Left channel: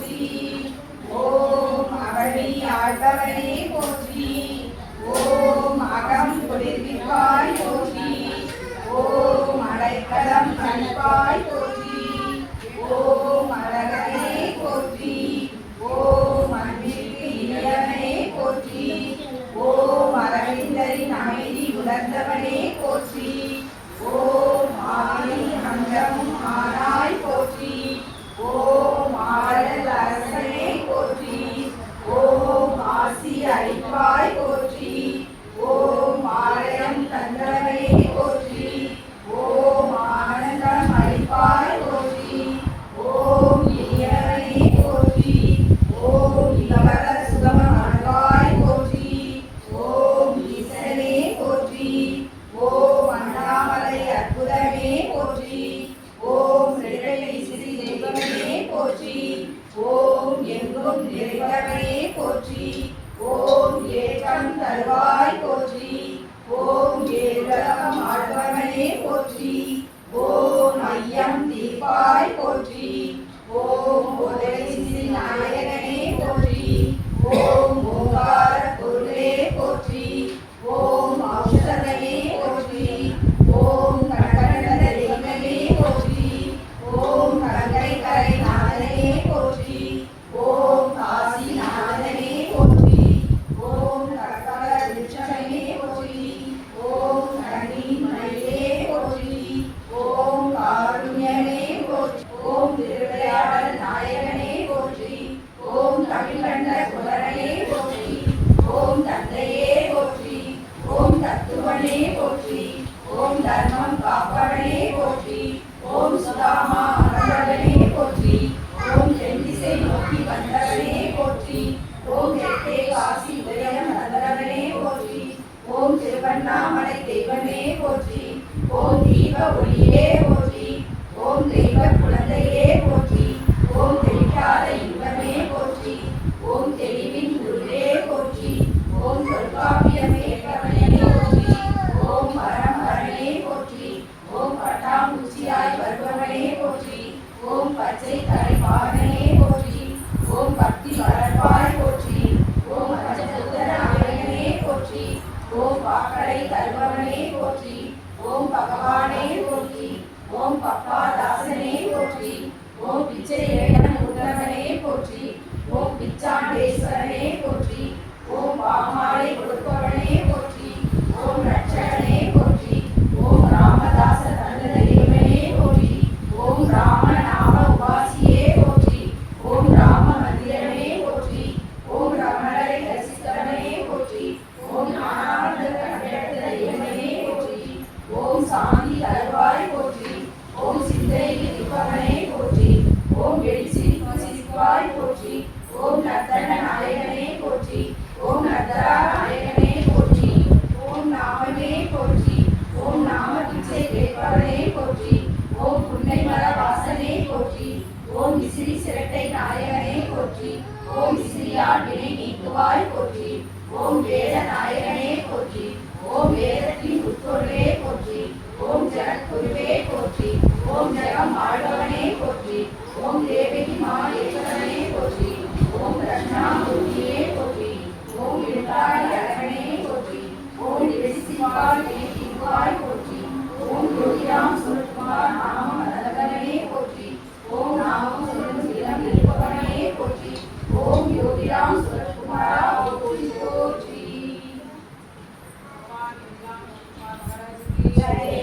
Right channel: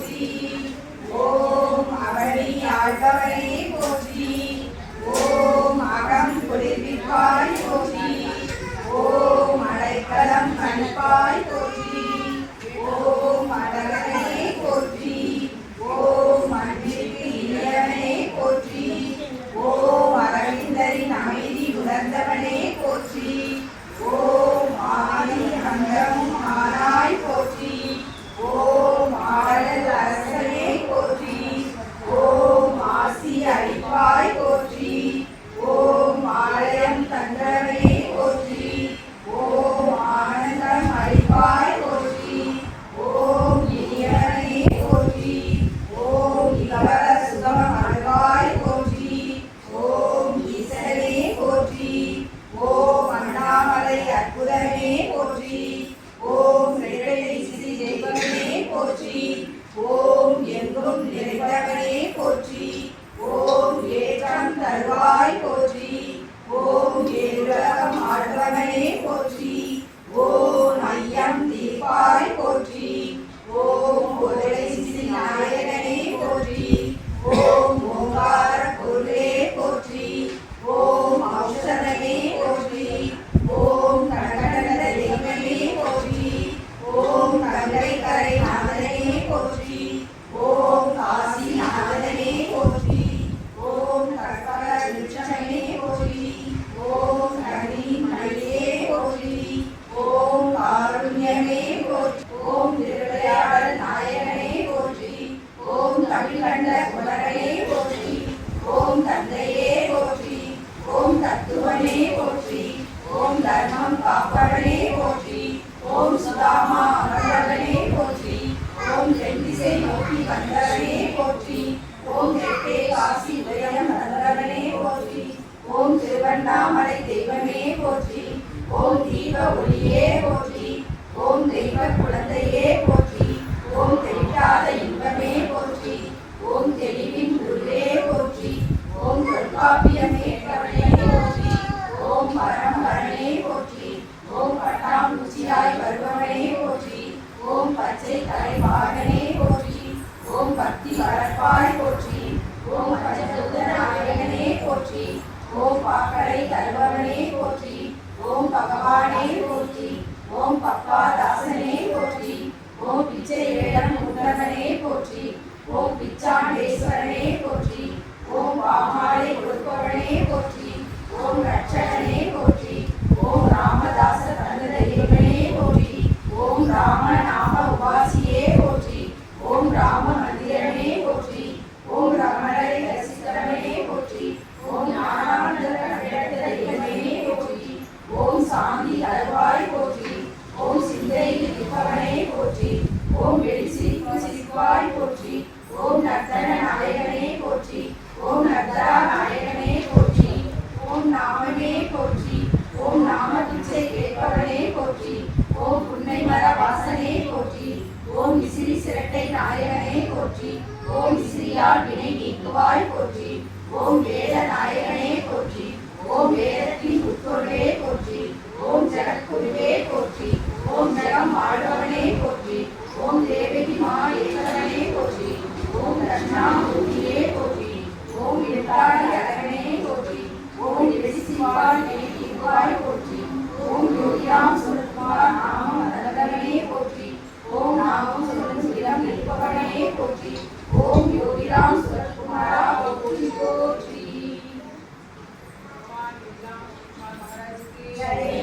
போற்றி. ஓம் அவனி ஆழ்பவனே போற்றி. ஓம் அகம் குளிர்விப்பாய் போற்றி. ஓம் அடைக்கலம் கண்பாய் போற்றி. ஓம் அழகனே போற்றி. ஓம் அன்பிற்கு இனியவனே போற்றி. ஓம் அரவிந்தரின் அமைதி உணர்ந்தவனே போற்றி. ஓம் ஆதி அந்தமும் ஆனாய் போற்றி. ஓம் ஆடல் அரசனே போற்றி. ஓம் ஆசி அளிப்பாய் போற்றி. ஓம் ஆலயம் தந்தவனே போற்றி. ஓம் ஆனந்தம் அளிப்பாய் போற்றி. ஓம் இனியவனே போற்றி. ஓம் இளவர சுகம் அருள்வாய் போற்றி. ஓம் ஈசனே போற்றி. ஓம் அண்ணாமலை அற்புதமே போற்றி. ஓம் நெடுவெளி ஸ்ரீ தெய்வமே போற்றி. ஓம் எங்கும் நிறைந்தவனே போற்றி. ஓம் ஏற்றம் தருவாய் போற்றி. ஓம் ஏழுலகம் ஆழ்பவனே போற்றி. ஓம் ஐயம் தீர்ப்பாய் போற்றி. ஓம் உதவி ஸ்ரீ நாயகனே போற்றி. ஓம் ஓங்கார பொருளே போற்றி. ஓம் ஔஷதமே போற்றி. ஓம் கடகட தெய்வமே போற்றி. ஓம் கங்கை கரை நாதனே போற்றி. ஓம் காசி நாதனே போற்றி. ஓம் கற்பக விருட்சமே போற்றி. ஓம் கண்ணின் மணியே போற்றி. ஓம் காருண்யமே போற்றி. ஓம் திருவிளையாடல் நாயகனே போற்றி. ஓம் தமிழ்கண்ட குமரனே போற்றி. ஓம் தந்தையே போற்றி. ஓம் தத்துவனே போற்றி. ஓம் தர்மம் காப்பவனே போற்றி. ஓம் சுதாமா அமர்ந்தவனே போற்றி. ஓம் தென்திசை நோக்கி வந்தவனே போற்றி. ஓம் தெற்கே காசி உதயம் தந்தவனே போற்றி. ஓம் திருவண்ணாமலை தெய்வமே போற்றி. ஓம் தீப ஒளியே போற்றி. ஓம் தெய்வ குழந்தையே போற்றி. ஓம் தெளிக்காத இன்பமே போற்றி. ஓம் தெளிவின் குருவே போற்றி. ஓம் தொல்காப்பியமே போற்றி. ஓம் பரம்பரனே போற்றி. ஓம் பட்டாம்பூச்சியாய் வருபவனே போற்றி. ஓம் பச்சை தலைவாகனே போற்றி. ஓம் பக்தி வளர்ப்பாய் போற்றி. ஓம் பஞ்சபூத நாயகனே போற்றி. ஓம் பாக்கடை தருபவனே போற்றி. ஓம் பகவானே போற்றி. ஓம் பப்பாதாசனே போற்றி. ஓம் பிச்சை வேடம் உண்டவனே போற்றி. ஓம் பிச்சாண்டேஸ்வரனே போற்றி. ஓம் பாமாலை கொடுப்பவனே போற்றி. ஓம் ரட்சகனே போற்றி. ஓம் ராமதாச தந்த தெய்வமே போற்றி. ஓம் ராமநாம உபாசியே போற்றி. ஓம் ராம மந்திரமே போற்றி. ஓம் ரமணரை தரிசித்தவனே போற்றி. ஓம் ஞானானந்த கடையற்ற தெய்வமே போற்றி. ஓம் சாந்தி அழகாய் போற்றி. ஓம் சிந்தையில் இருப்பவனே போற்றி. ஓம் வெளிச்சிரிப்பு சிரிப்பாய் போற்றி. ஓம் நர்த்தன நாயகனே போற்றி. ஓம் நர்த்தரா நாயகனே போற்றி. ஓம் நாமமே போற்றி. ஓம் நாம பிச்சை கேட்பவனே போற்றி. ஓம் புன்னை மர வாசனே போற்றி. ஓம் விசிறி சிரட்டை நாயகனே போற்றி. ஓம் விசிறியால் வினை நீக்குவாய் போற்றி. ஓம் வேத நாயகனே போற்றி. ஓம் வேதத்தின் உட்பொருளே போற்றி. ஓம் ஜெகத்குருவே போற்றி. ஓம் ஜெகம் ஆழ்பவனே போற்றி. ஓம் தேவகி மா ஏகவனே போற்றி. ஓம் தட்சிணாமூர்த்தியே போற்றி. ஓம் எழுத்தாடி அழகனே போற்றி. ஓம் எழுசிவாய் வினைவாய் போற்றி. ஓம் யோகிராம் சுரத்குமார் நாமம் மரதகனே போற்றி. ஓம் நாமம் சொல்லும் இளம் நிற்பவனே போற்றி. ஓம் யோகிராம் சுரத்குமாரா போற்றி போற்றி. ஜெய